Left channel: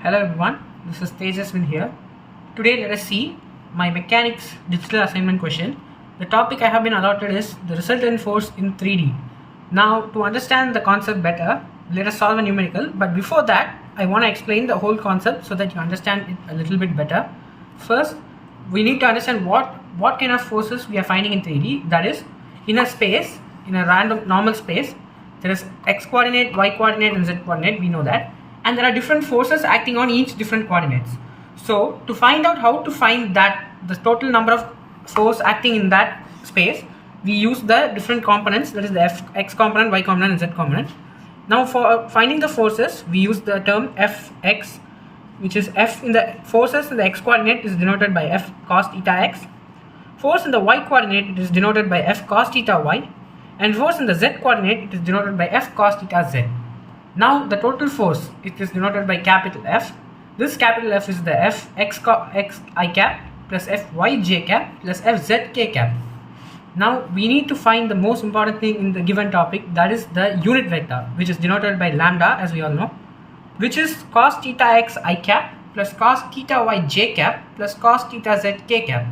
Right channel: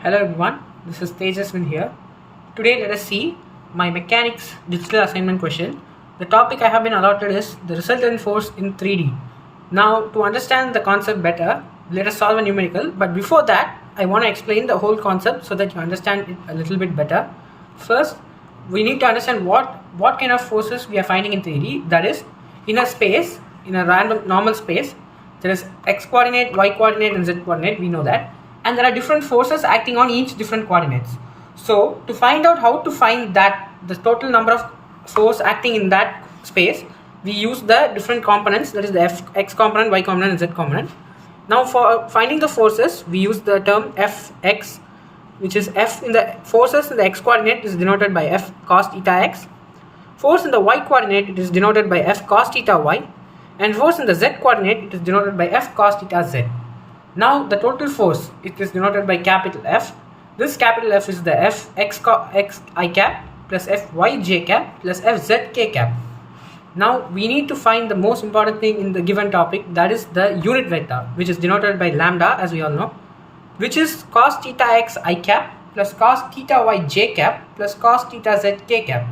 Hello everyone, this is Tejaswin here. Today let us see my mechanics digital assignment question. The topic I have been allotted is the resultant force in 3D. Now to understand the concept better, let us solve a numerical, but before that I want to explain the whole concept so that you understand it a little bit better. First, we need to understand what kind of forces we are finding in 3D. That is, in a space, in a random normal space, there is x coordinate, y coordinate and z coordinate, we know that, and there are different forces acting on each different coordinates. So to find out how to find that the total number of force acting in that space, we use the different components, that is the x component, y component and z component. Now for finding the forces, we use the term fx, which is f in the forces in the x coordinate is denoted by f cos theta x. Force in the y coordinate, it is denoted by f cos theta y, and force in the z coordinate, it is denoted by f cos theta z. Now the total force, it is denoted by capital F. This capital F is the f x I cap plus f y j cap plus f z k cap. Now we need to find the most important thing in the given topic, that is the unit vector, which is denoted by lambda, as we all know, which is cos theta x I cap plus cos theta y j cap plus cos theta z k cap.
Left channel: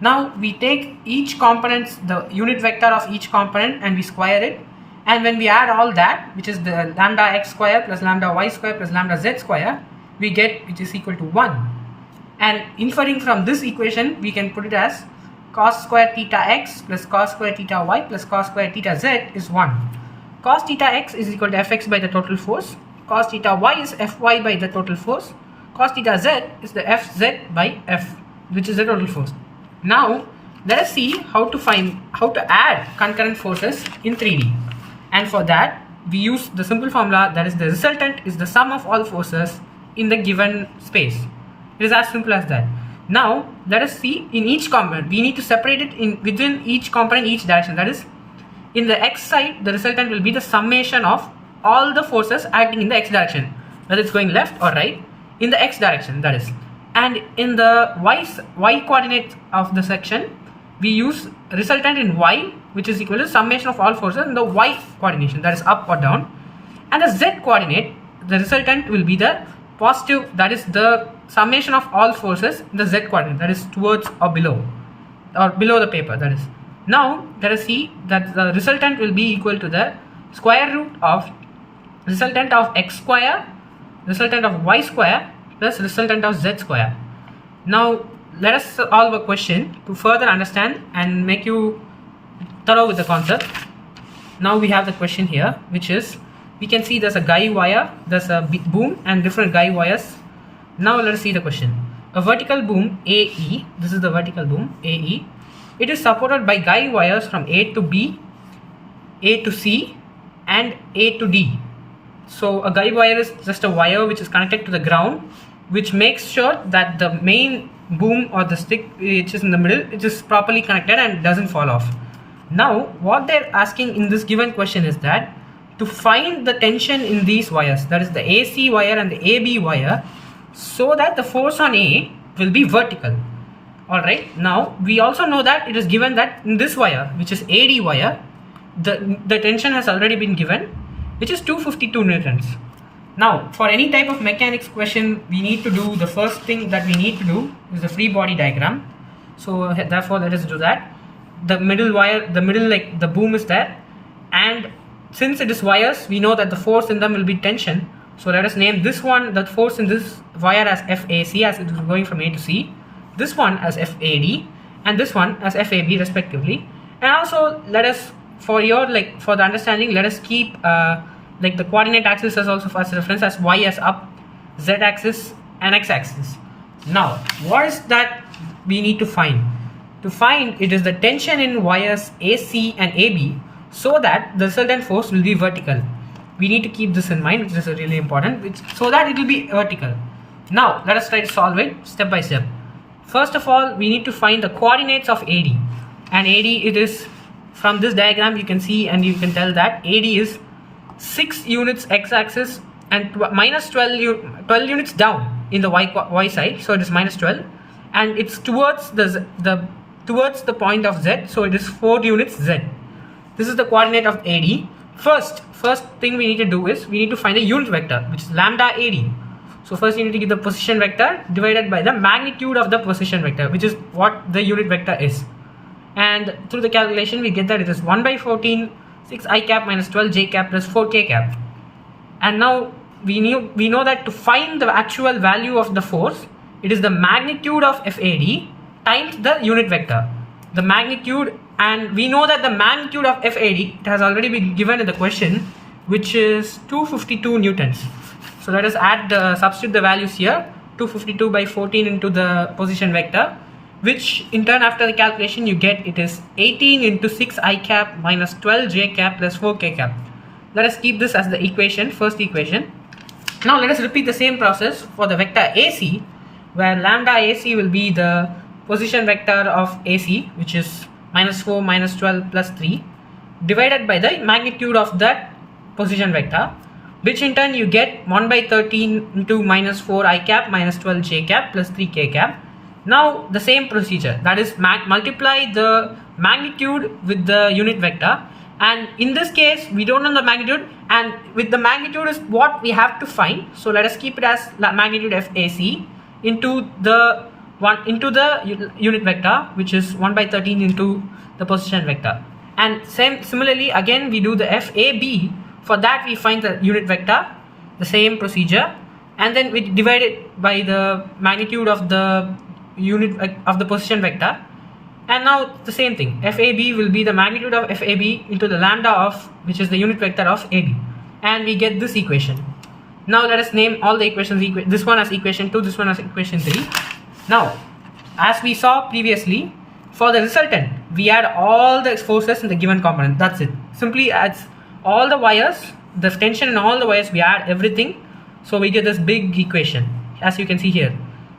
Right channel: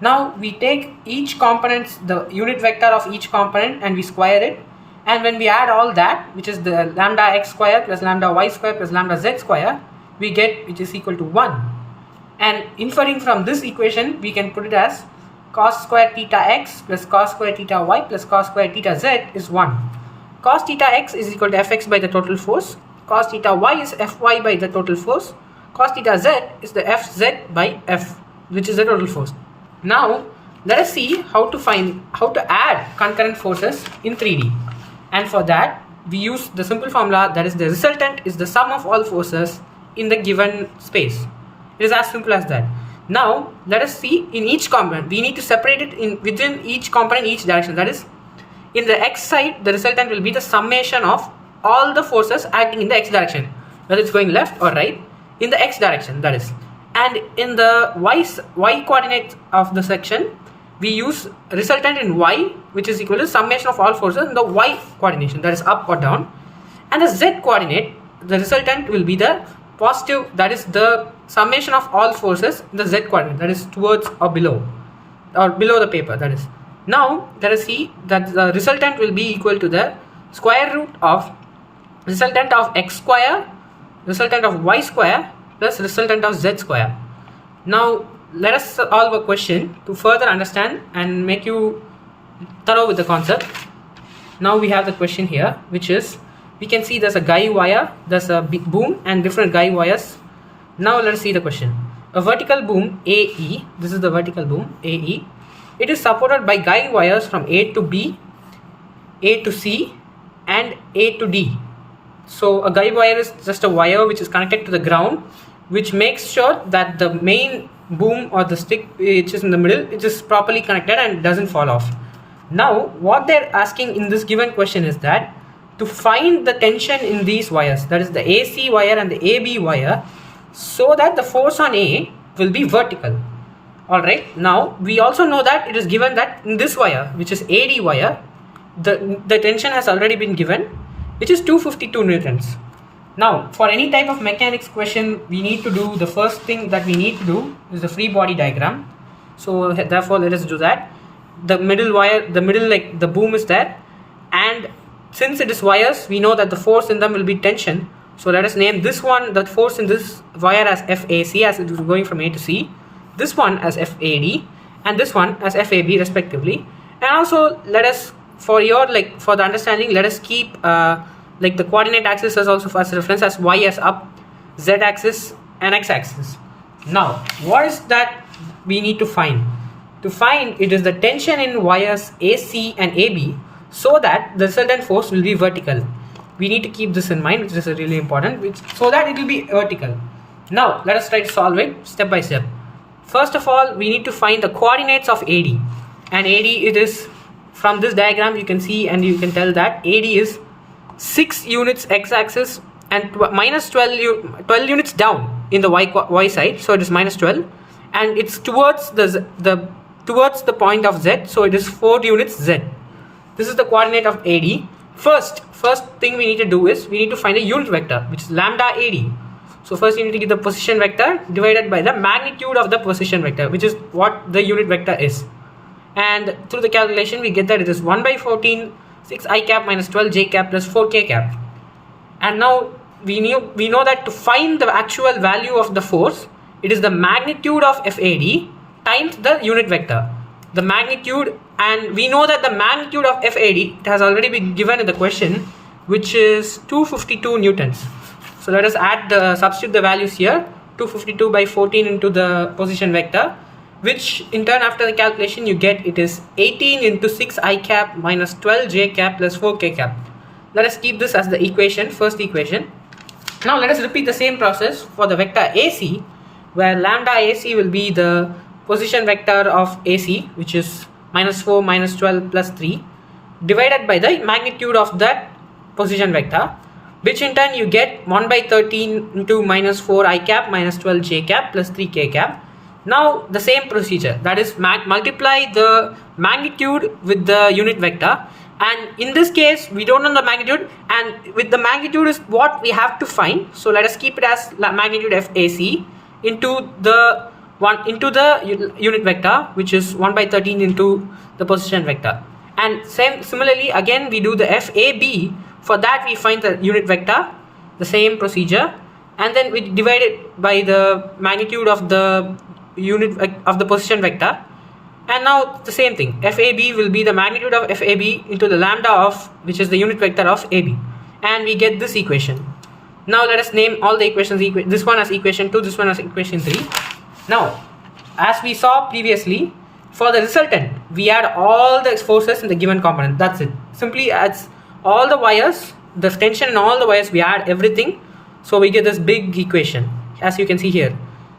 Now we take each component, the unit vector of each component, and we square it, and when we add all that, which is the lambda x square plus lambda y square plus lambda z square, we get which is equal to 1. And inferring from this equation, we can put it as cos square theta x plus cos square theta y plus cos square theta z is 1. Cos theta x is equal to fx by the total force, cos theta y is fy by the total force, cos theta z is the fz by f, which is the total force. Now let us see how to add concurrent forces in 3D. And for that, we use the simple formula, that is the resultant is the sum of all forces in the given space. It is as simple as that. Now let us see in each component, we need to separate it within each component, each direction. That is, in the x side, the resultant will be the summation of all the forces acting in the x direction, whether it's going left or right, in the x direction, that is. And in the y coordinate of the section, we use resultant in y, which is equal to summation of all forces in the y coordination, that is up or down. And the z coordinate, the resultant will be the positive, that is the summation of all forces in the z coordinate, that is towards or below the paper, that is. Now let us see that the resultant will be equal to the square root of resultant of x square, resultant of y square plus resultant of z square. Now let us solve a question to further understand and make you thorough with the concept. Now we have the question here, which is, we can see there's a guy wire, there's a big boom and different guy wires. Now let us see the question. A vertical boom AE, this is the vertical boom AE, it is supported by guy wires from A to B, A to C and A to D. So a guy wire is just a wire which is connected to the ground, which makes sure that the main boom or the stick which is in the middle, it is properly connected and doesn't fall off. Now what they're asking in this given question is that to find the tension in these wires, that is the AC wire and the AB wire, so that the force on A will be vertical. Alright, now we also know that it is given that in this wire, which is AD wire, the tension has already been given, which is 252 newtons. Now for any type of mechanics question, we need to do, the first thing that we need to do is the free body diagram. So therefore let us do that. The middle wire, like the boom is there, and since it is wires, we know that the force in them will be tension. So let us name this one, the force in this wire, as FAC, as it is going from A to C, this one as FAD and this one as FAB respectively. And also let us, for the understanding, let us keep the coordinate axis as also as reference, as y as up, z axis and x axis. Now what is that we need to find? To find, it is the tension in wires AC and AB, so that the resultant force will be vertical. We need to keep this in mind, which is really important, so that it will be vertical. Now let us try to solve it step by step. First of all, we need to find the coordinates of AD, and AD, it is from this diagram you can see and you can tell that AD is 6 units x-axis and minus 12 units down in the y side, so it is minus 12, and it's towards the point of z, so it is 4 units z. This is the coordinate of AD. First thing we need to do is we need to find a unit vector, which is lambda AD. So first you need to get the position vector divided by the magnitude of the position vector, which is what the unit vector is. And through the calculation we get that it is 1 by 14 6 I cap minus 12 j cap plus 4 k cap. And now we know that to find the actual value of the force, it is the magnitude of FAD times the unit vector. The magnitude, and we know that the magnitude of FAD, it has already been given in the question, which is 252 newtons. So let us substitute the values here. 252 by 14 into the position vector, which in turn after the calculation you get it is 18 into 6 I cap minus 12 j cap plus 4 k cap. Let us keep this as the equation, first equation. Now let us repeat the same process for the vector AC, where lambda AC will be the position vector of AC, which is minus 4 minus 12 plus 3, divided by the magnitude of that position vector, which in turn you get 1 by 13 into minus 4 I cap minus 12 j cap plus 3 k cap. Now the same procedure, that is multiply the magnitude with the unit vector, and in this case we don't know the magnitude, and with the magnitude is what we have to find. So let us keep it as magnitude FAC into the unit vector, which is 1 by 13 into the position vector. And similarly again we do the FAB. For that we find the unit vector, the same procedure, and then we divide it by the magnitude of the unit of the position vector. And now the same thing, FAB will be the magnitude of FAB into the lambda of, which is the unit vector of AB, and we get this equation. Now let us name all the equations. This one as equation 2, this one as equation 3. Now as we saw previously, for the resultant we add all the forces in the given component. That's it. Simply adds all the wires, the tension in all the wires, we add everything, so we get this big equation as you can see here.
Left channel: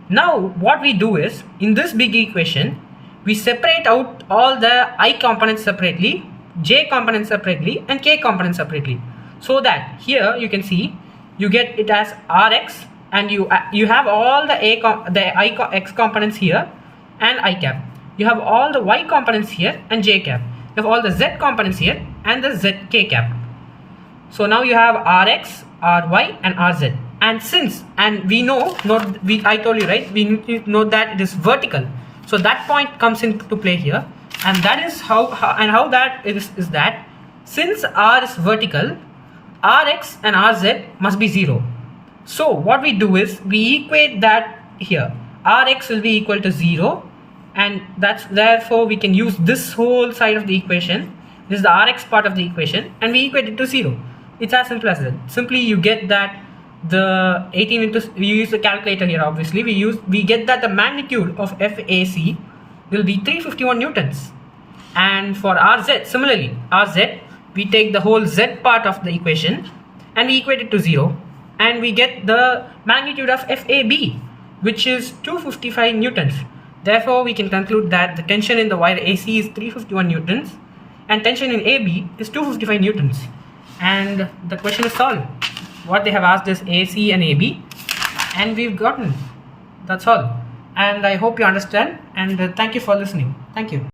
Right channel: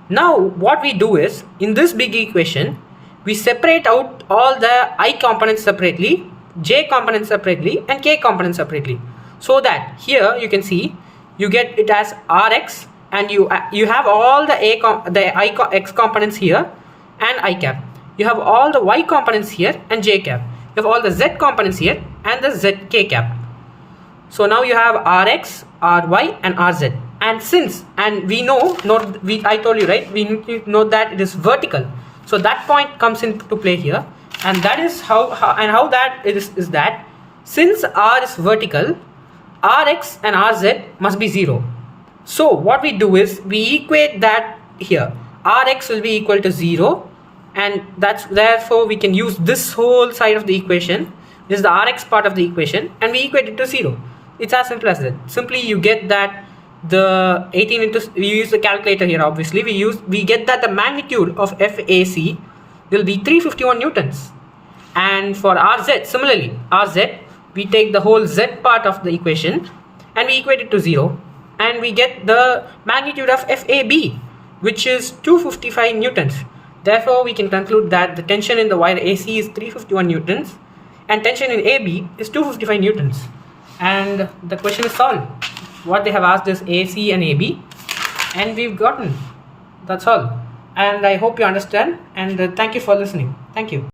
Now what we do is, in this big equation we separate out all the I components separately, J components separately, and K components separately, so that here you can see you get it as Rx, and you have all the X components here and I cap. You have all the Y components here and J cap. You have all the Z components here and the ZK cap. So now you have Rx, Ry, and Rz. And we know, I told you, right, we need to know that it is vertical. So that point comes into play here, and that is how that is that since R is vertical, Rx and Rz must be 0. So what we do is we equate that here. Rx will be equal to 0, and therefore we can use this whole side of the equation. This is the Rx part of the equation, and we equate it to 0. It's as simple as that. Simply you get that the 18 into, we use the calculator here obviously, we get that the magnitude of FAC will be 351 newtons. And for Rz, similarly, Rz, we take the whole Z part of the equation and we equate it to 0, and we get the magnitude of FAB, which is 255 newtons. Therefore we can conclude that the tension in the wire AC is 351 newtons and tension in AB is 255 newtons. And the question is solved. What they have asked is AC and AB, and we've gotten. That's all. And I hope you understand, and thank you for listening. Thank you.